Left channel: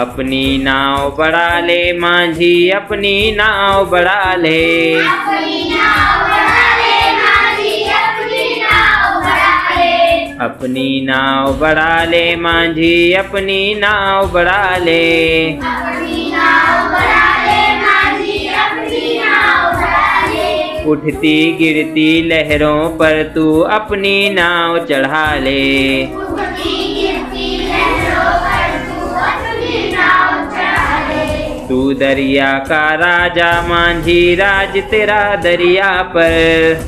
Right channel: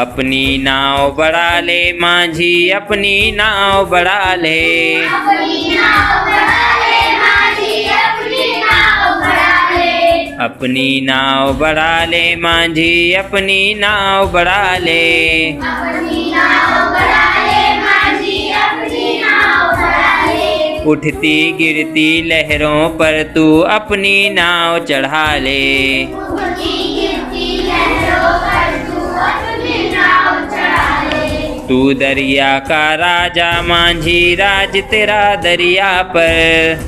अपनी नाव बढ़ा ले मांझी अपनी नाव बढ़ा ले। अपनी नाव बढ़ा ले मांझी अपनी नाव बढ़ा ले। अपनी नाव बढ़ा ले मांझी अपनी नाव बढ़ा ले। अपनी नाव बढ़ा ले मांझी अपनी नाव बढ़ा ले। उठती गिरती लहरों पर तू अपनी नाव चढ़ा ले। उठती गिरती लहरों पर तू अपनी नाव चढ़ा ले। तू दरिया का राजा मांझी राज तेरा दरिया पर।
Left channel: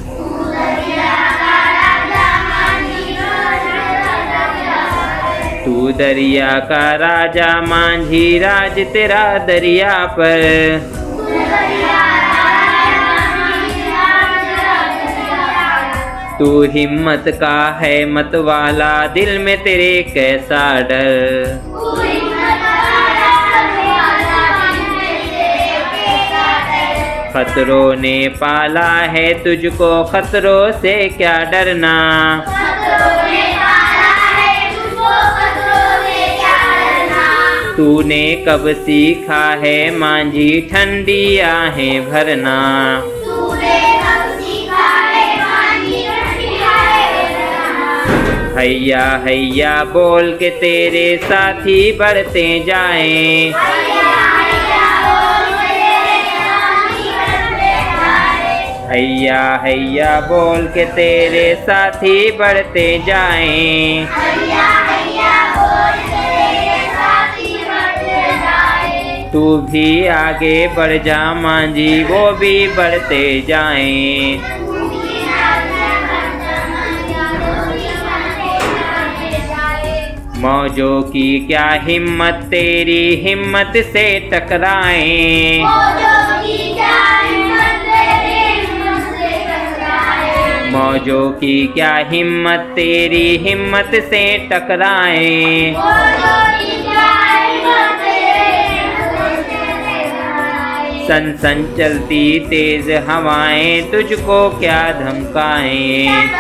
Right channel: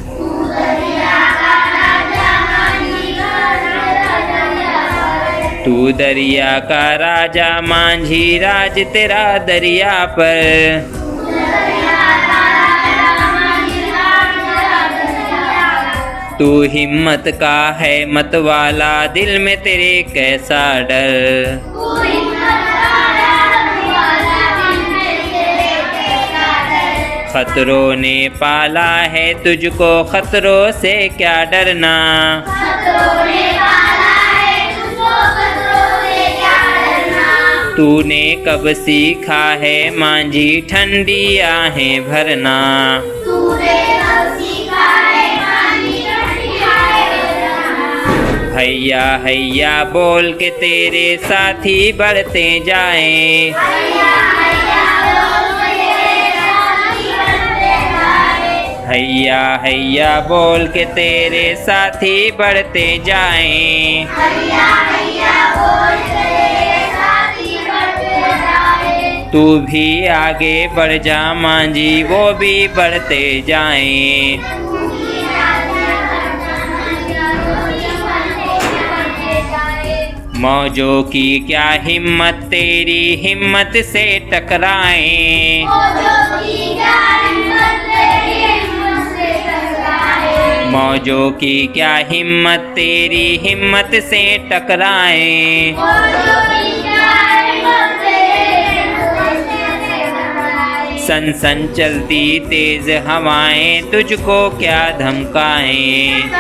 तू दरिया का राजा मांझी राज तेरा दरिया पर। तू दरिया का राजा मांझी राज तेरा दरिया पर। तू दरिया का राजा मांझी राज तेरा दरिया पर। तू हिम्मत का है मत वाला दिल में तेरे कैसा डर। तू हिम्मत का राज वाला दिल में तेरे कैसा डर। खतरों ने पाला है तुझको खतरों से क्या डरना। खतरों ने पाला है तुझको खतरों से क्या डरना। तूने कब सीखा है मांझी ठंडी आहें भरना। तूने कब सीखा है मांझी ठंडी आहें भरना। हैया हैया बोल के तेरे साथी बढ़ते जाएं। हैया हैया बोल के तेरे साथी बढ़ते जाएं। हैया हैया बोल के तेरे साथी बढ़ते जाएं। हैया हैया बोल के तेरे साथी बढ़ते जाएं। तू भी आगे बढ़ जा मांझी वो भी बढ़ते जाएं। तू भी आगे बढ़ जा मांझी वो भी बढ़ते जाएं। मौजों की क्या हिम्मत तेरी हिम्मत से टकराएं। मौजों की क्या हिम्मत तेरी हिम्मत से टकराए। मौजों की क्या हिम्मत तेरी हिम्मत से टकराएं। मौजों की क्या हिम्मत तेरी हिम्मत से टकराए। सन सन चलती तेज हवाएं तुझको क्या धमकाएं।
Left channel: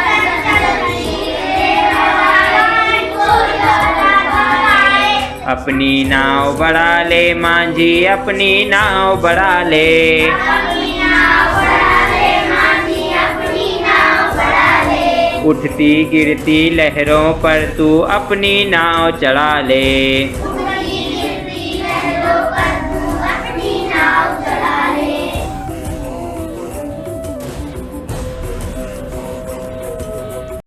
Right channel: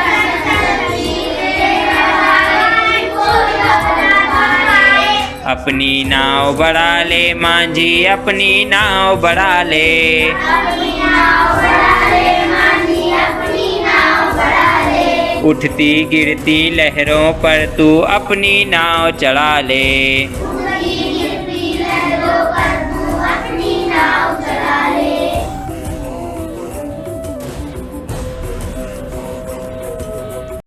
अपनी नाव बढ़ा ले मांझी अपनी नाव बढ़ा ले। अपनी नाव बढ़ा ले मांझी अपनी नाव बढ़ा ले। उठती गिरती लहरों पर तू अपनी नाव चढ़ा ले।